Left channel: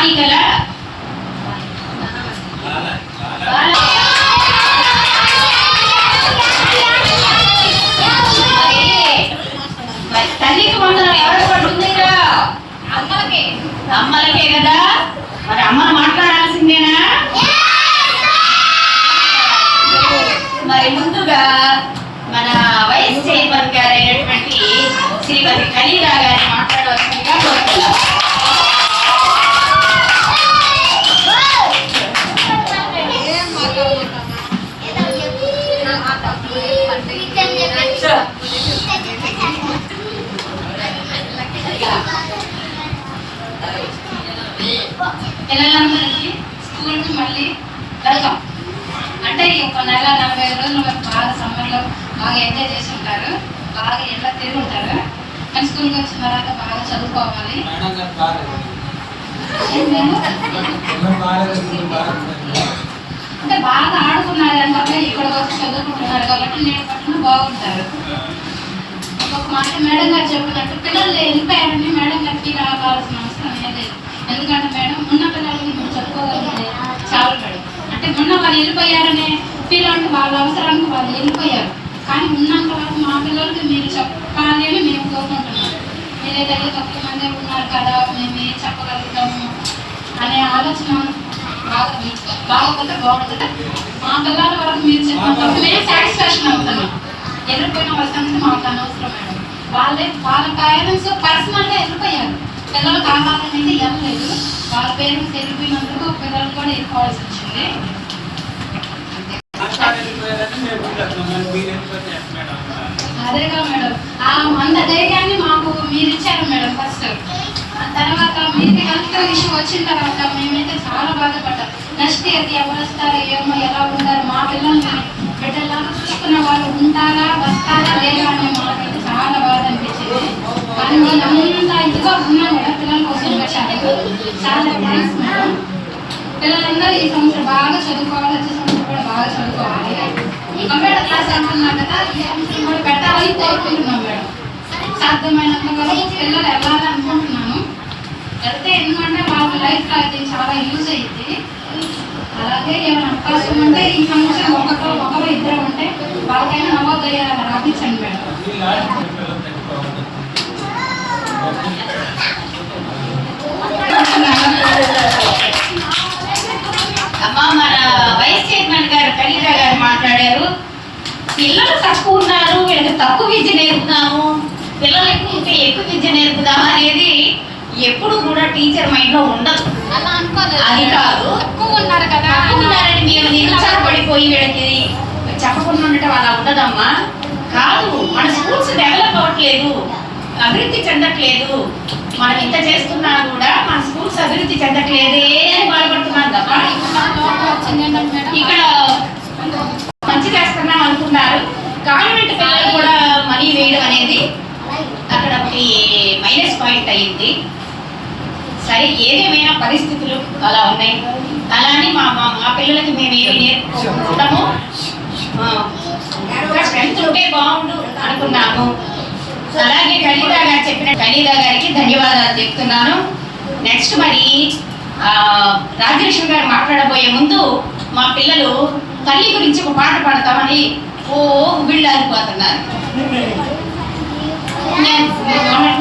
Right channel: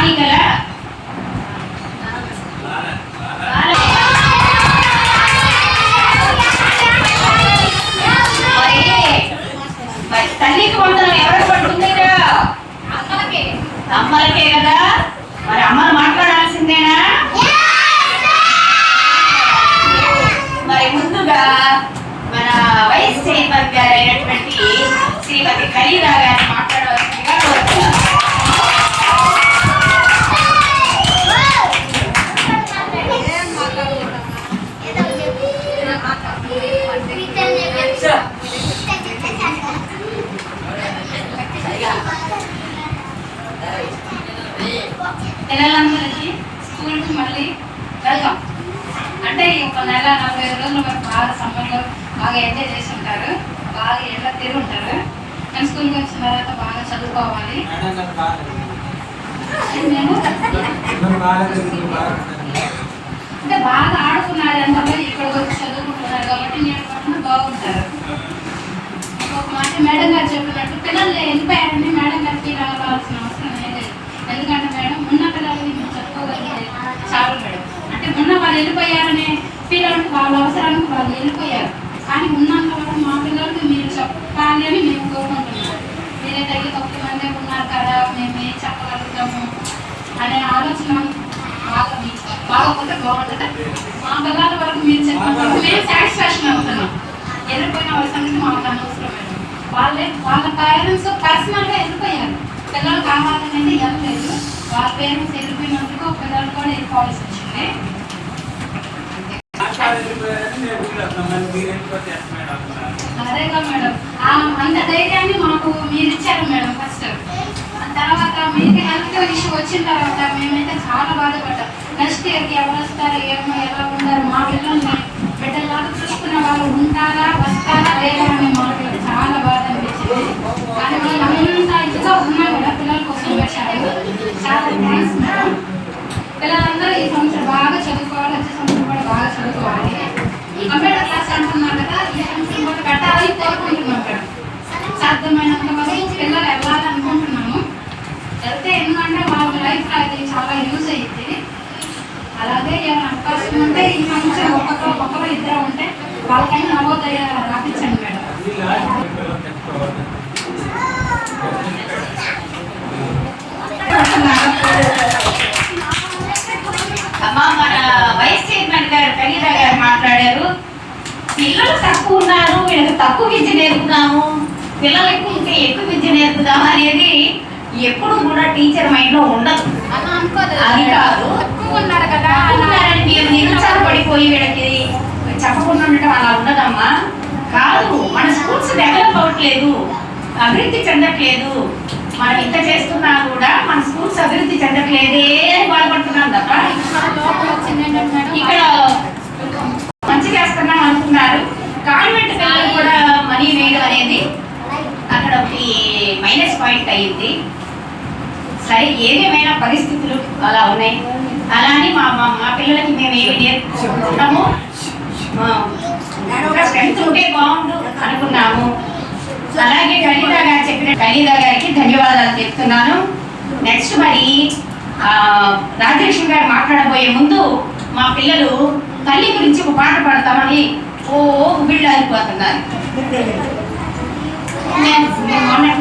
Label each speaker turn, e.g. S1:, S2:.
S1: బాలికల బాల- మరి మరి తల్లికి వందనం ఎవరికి పడుతుందిరా అమ్మలకే కదా మరి అమ్మను మాట్లాడాల్సిందేనా
S2: పిల్లలందరికీ స్కూల్కి మళ్ళీ వెళ్తాం అంటే ఈ ఒక నెల నలభై ఐదు రోజులు వరకు బాగా సమ్మర్లో బాగా ఎంజాయ్ చేసి ఉంటారు బాగా ఎండ తిరిగి ఉంటారు. కానీ స్కూల్కి వచ్చిన తర్వాత బాగా చదువుకోవాలి. అంటే బాగా ఆడుకున్నారు అంటే ఇక్కడికి వచ్చి చదువుకుంటున్నారు కాబట్టి నేను పట్ల బాగుంటారు. ఒక మాట మేడం గారు చెప్పినట్టు పిల్లలు వెళ్ళిపోయారని మేడం గారికి రావాల్సిన అవసరం లేదు. ఎందుకంటే మేడం ఉన్న చాలు మేడం. అంటే మొన్న వాళ్ళు వెళ్ళిపోయారనే ఫీల్ అంటే వాళ్ళ అవసరానికి వాళ్ళు వెళ్ళిపోయారు. కానీ ఉన్నంత వరకు మా పిల్లలకి మీరు చెప్పాలి అని మేము కోరుకుంటున్నాం. మీరే దగ్గర తక్కువ మంది ఉన్నారు కదా మేము ఏం చెప్పగలుగుతాము అనే ఆలోచన బాగా బాగోకపోతే బాగుంటుంది. మా పిల్లల వరకు మీరు చెప్పిన మేము సాటిస్ఫాక్షన్ అవుతున్నాం. వెళ్ళిపోయిన వాళ్ళ సంగతి మాకు అనవసరం మేడం. వాళ్ళే వాళ్ళ పేరెంట్స్ పర్సనల్గా వెళ్ళిపోయారు. పిల్లలు కావాలనేది వెళ్ళలేదు వాళ్ళ పేరెంట్స్ వెళ్ళిపోయినందుకు పిల్లలు కూడా ఇవ్వాల్సి వచ్చింది. అదేగా మేడం. ఆ అంత ధైర్యాన్ని మాకు మీరు ఇచ్చారు మేడం ఫస్ట్ తర్వాత మీకు హెల్త్ ఇష్యూ వచ్చిన తర్వాత మేమైతే చాలా బాధపడ్డాం. నెక్స్ట్ ఇయర్కి ఎవరు వస్తారు ఏమో ఎలా ఉంటారు మా పిల్లల్ని బిడ్డలాగా చూసుకున్న వాళ్ళు ఉంటారా వస్తారా లేదా అని పిల్లలందరూ ఈ సంవత్సరం బాగా చదువుకోవాలి వచ్చే సంవత్సరం కూడా బాగా చదువుకోవాలి. ఈ కంప్యూటర్ క్లాస్ అనుకున్నాం కదా ఈ సంవత్సరం కూడా పెట్టాలని కోరుకుంటున్నాం మేడం. సాధ్యమైనంత వరకు పిల్లలు వెళ్ళాలనుకుంటున్నాను వెళ్తే ఎందుకంటే వాళ్ళ లైఫ్ అది చాలా యూజ్ అయ్యింది అలాగే ఏమైనా అవకాశం ఉంటే ఈ సంవత్సరం ఒక్కొక్కరు ఒక్కరు ఇద్దరు ఉంటే వాళ్ళకైనా నవోదయ రాపించండి మేడం.
S1: పిల్లలు తక్కువ ఉన్నారు వీళ్ళకి తక్కువ విద్య నేర్పుదాము పిల్లలు ఎక్కువ ఉంటే ఎక్కువ విద్య నేర్పుదాము అనేది ఎప్పుడు కూడా టీచర్ మైండ్లో ఉండదు.
S2: అలా అనుకోలేదు
S1: అది కాదు.
S2: తక్కువ ఉన్నారు కదా
S1: ఉన్నారని మేము నిరుత్సాహపడిపోయి వీళ్ళకి చెప్పకుండా ఉండటం అలా ఉండదమ్మా. కాదు మన స్కూల్స్ డెవలప్ అవ్వట్లేదు అభివృద్ధి చెందట్లేదు. మనం ఇంత చేస్తున్నా కూడా మన స్కూల్స్ అభివృద్ధి చెందట్లేదే అని బాధపడుతున్నాం తప్ప. ఇక్కడ మంచి చేస్తున్నాం అనుకున్నారు కాన్వెంట్ పిల్లలు కూడా మనీ వేయడం అనేది అక్కడ ఒకటి పాయింట్ అయ్యింది. సరే ఏదేమైనా పరిస్థితులు అలా ఉన్నాయి? అలా అని మా మా మా పిల్లలకి మేము ఏమి నేర్పుకుంటాము? ఇంకా స్ట్రెంత్ ఉంటే బాగుండు అనుకున్నాము. అలాగే ఖలీదా గారు చెప్పిన ఖలీదా గారికి ధన్యవాదాలు చెప్తున్నాను. నెక్స్ట్ మరి ఆ, రాజలక్ష్మి గారు మాట్లాడబోయే ముందు మా పిల్లలు తల్లి గురించి ఒక పాట పాడతామని ఓ వీళ్ళు అయిపోతున్నారు